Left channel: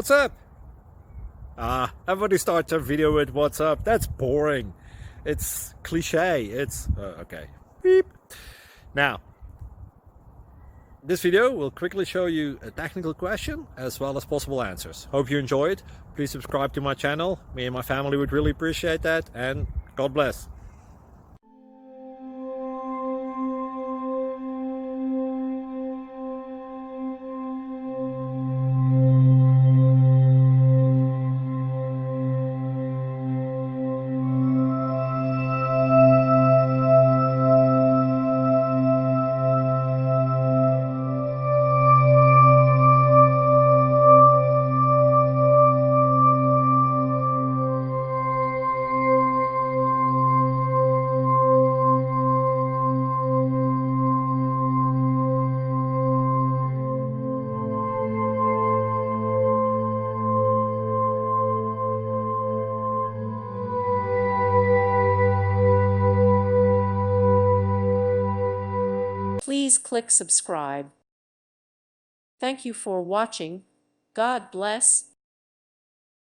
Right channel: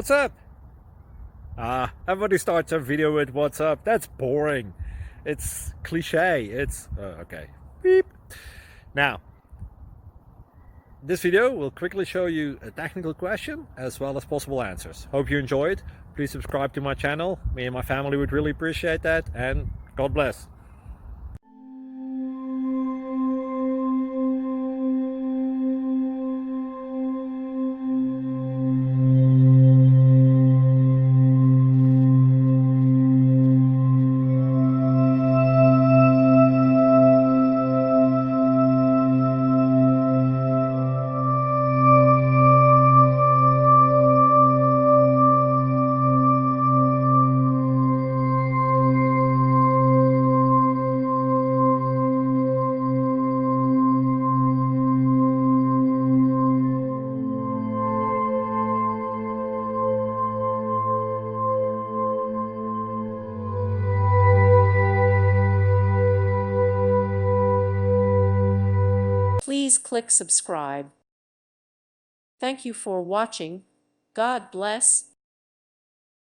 What's up? Everybody starts a video with what's up. That's boring. It's cliche. It's okay. Beep. Now, this video will quickly show you a technical question as well as possible answers. Hope you enjoyed. Please subscribe to my channel. Me and my family would really appreciate that, and God bless. Please click subscribe. Thank you for watching. God bless.